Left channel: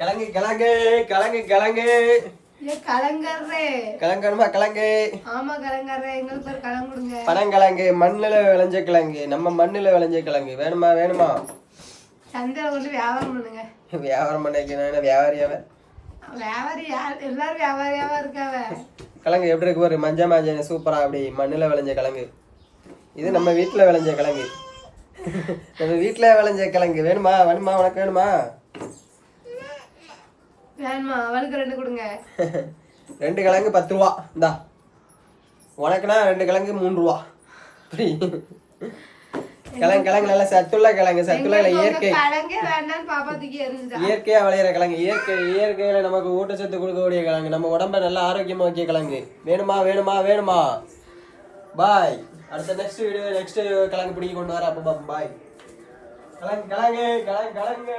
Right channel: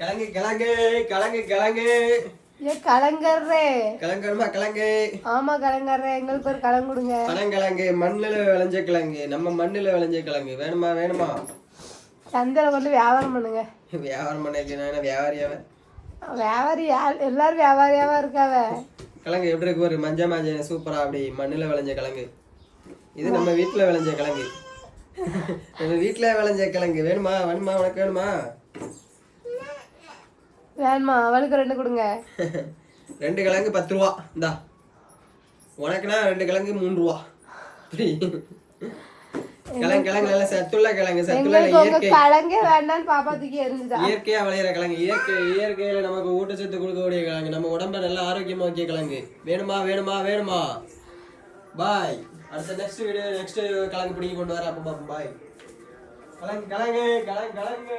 கிழங்கு கிழங்கு கிழங்கு கிழங்கு கலங்கர்றே கிழங்கணுமா கிழங்கு? ஆமா கலங்கர்றே, எங்களுக்கு ஒரு கிழங்கு கொடுங்க. பனங்கிழங்கு, மண்ணுல விளைஞ்ச கிழங்கு, நம்ம மண்ணுல விளைஞ்ச கிழங்கு வேணுமா வேணுமா? சந்தையில கொண்டு வியாபாரம் பண்ணுங்க. வியாபாரம் பண்ணிக்க வியாபாரியாவ? வியாபாரி எல்லாரும் வியாபாரியாவா இருக்காவ. கிழங்கு எப்படி இருக்கு ஒரு மஞ்சள் மஞ்சள் சூப்பரா அப்படி மண்ணுல விளைஞ்ச கிழங்கு. இது நம்ம வீட்டுல விளைஞ்ச கிழங்கு. நம்ம வீட்டுல விளைஞ்ச கிழங்கு வேணுமா வேணுமா? உனக்கு வேணுமா? வேணுமா? அவளுக்கு 2 கொடுங்க. 2 கிழங்கு 10 ரூபா. இந்தா உனக்குனா 2 கிழங்கு 3 ரூபா. கிழங்கு கிழங்கு நல்ல சத்துள்ள கிழங்கு, சத்துள்ள இயற்கை கிழங்கே வேண்டான்னு பாப்பா தூக்கி எரிஞ்சுட்டா. இயற்கையா விளையிற கிழங்கு, இயற்கையில நமக்கு ஊட்டச்சத்து கொடுக்கக்கூடிய கிழங்கு, நம்ம உடம்ப நல்லா ஆரோக்கியமா வைக்க கிழங்கு. வேணுமா வேணுமா வேணுமா? பாய். அடுத்த நெக்ஸ்ட் கிழங்கு பிடிக்க கொண்டு வர. அப்ப பாய். கிழங்கு கிழங்கு கிழங்கு கிழங்கு